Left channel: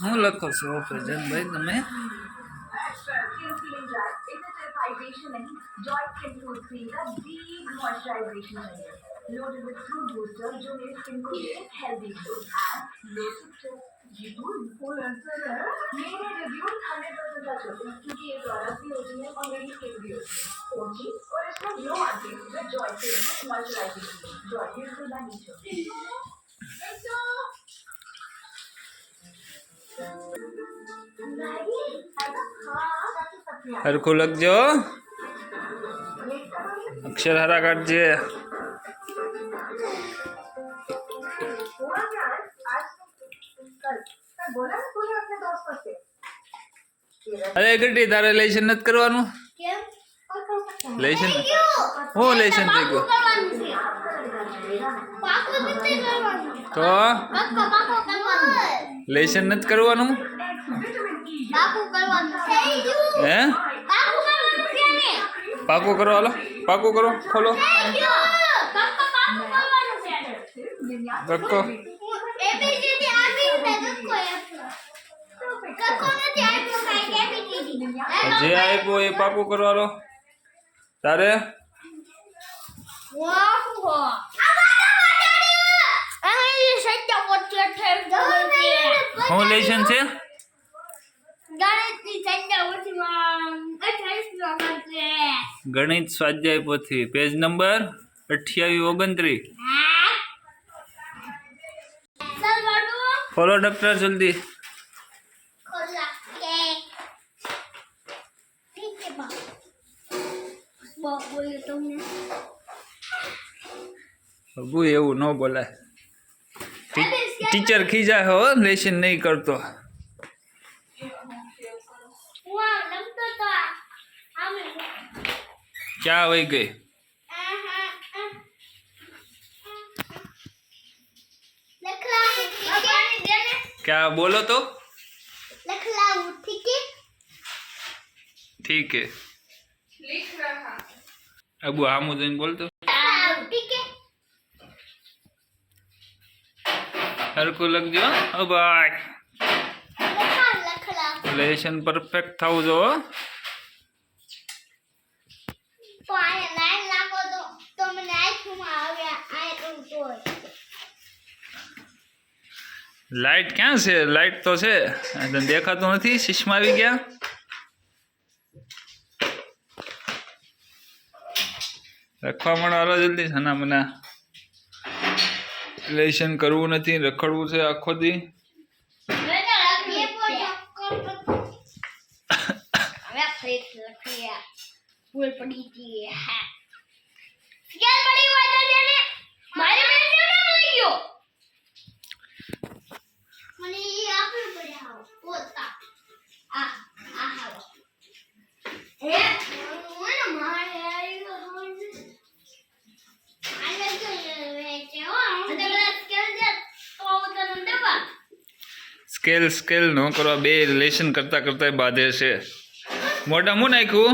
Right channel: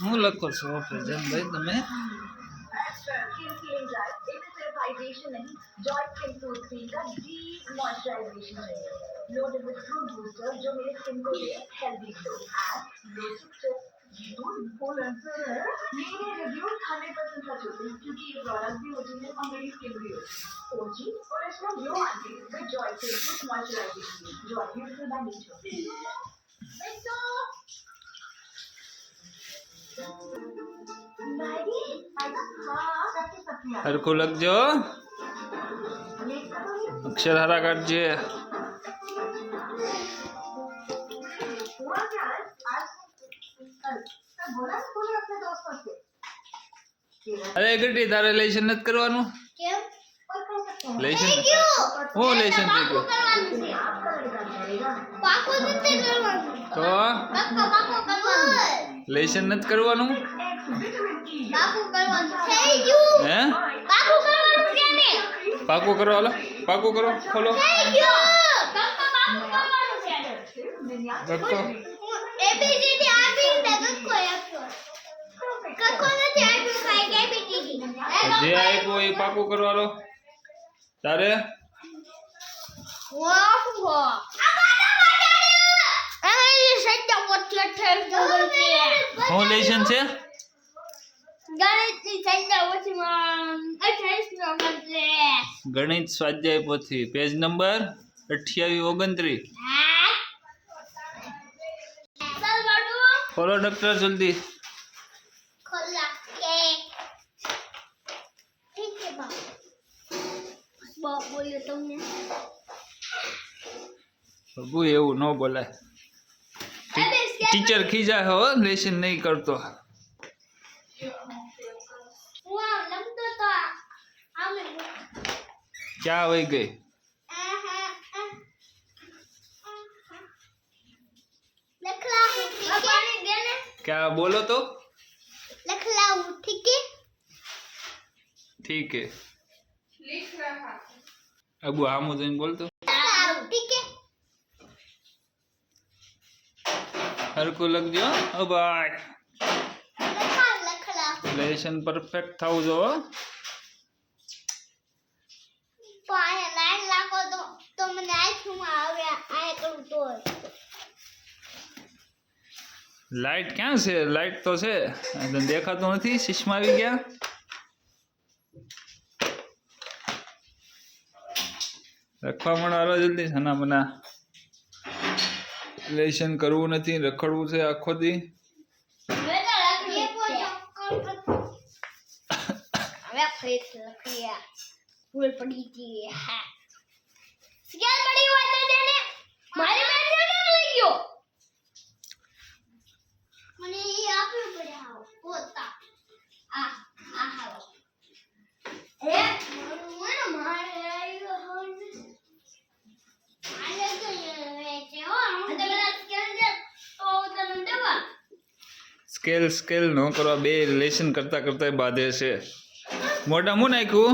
હું લખો છો ફેજનભાઈ તમે? स्किन फीलिंग ड्राई, इसे सिर्फ हाइड्रेशन नहीं, जॉय स्किन फ्रूट क्रीम का डीप मॉइस्चराइजेशन चाहिए। लोडेड विद फ्रूट बूस्टर जो मेरे स्किन को दे healthy glow and low stress. ये तो इन्फ्लुएंसर है। मेरे रिव्यूज 100% सच होते हैं क्योंकि ये प्रोडक्ट भी ओरिजिनल और मेरी स्किन भी होती है ओजी और इसमें ग्लो आती है with Joy skin moisturization. Joy beautiful by nature. हरखू लगजो, अक्षर हरा काटजे। अरे गड्डी तारे लेशन नत करवानु? लेशन हो लेशन થઈ ગયો તો લેશન નત કરવાનું? હે પાકું કરો, હાલો પાકું કરો, ખોલો ધક્કો જે આપ્યો એ પાકું કરો, હાલો તારે હું લેશન છે ગણિત સ્વાધ્યાય પોથી પેજ નંબર 28-29 ખોલો ડોક્ટર જલ્દી। બાબુ એવું ન બોલાય, टीचर खींचा हो लेशन नहीं करतो। क्या हो गई? क्या बोलो तो? ठीक है लिख रहा। अब हाँ मुझे बोल तो हरको लग जो। ओ भाई लेशन परफेक्ट था जो लाइट क्या से? लाइट तो से देखा तो नहीं, चश्मा भी गया। रखवा मनो हालो जल्दी सना मना लेशन करवू नहीं, रखड़वू से आखो दी। स्केल स्केल न करवा, बे लेशन करता करता बाधे से। मोटा मुँह नाख्यू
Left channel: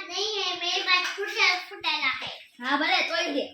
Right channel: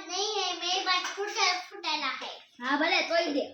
नहीं है मेरी बात फुटेला है। हाँ भले तो ही दे।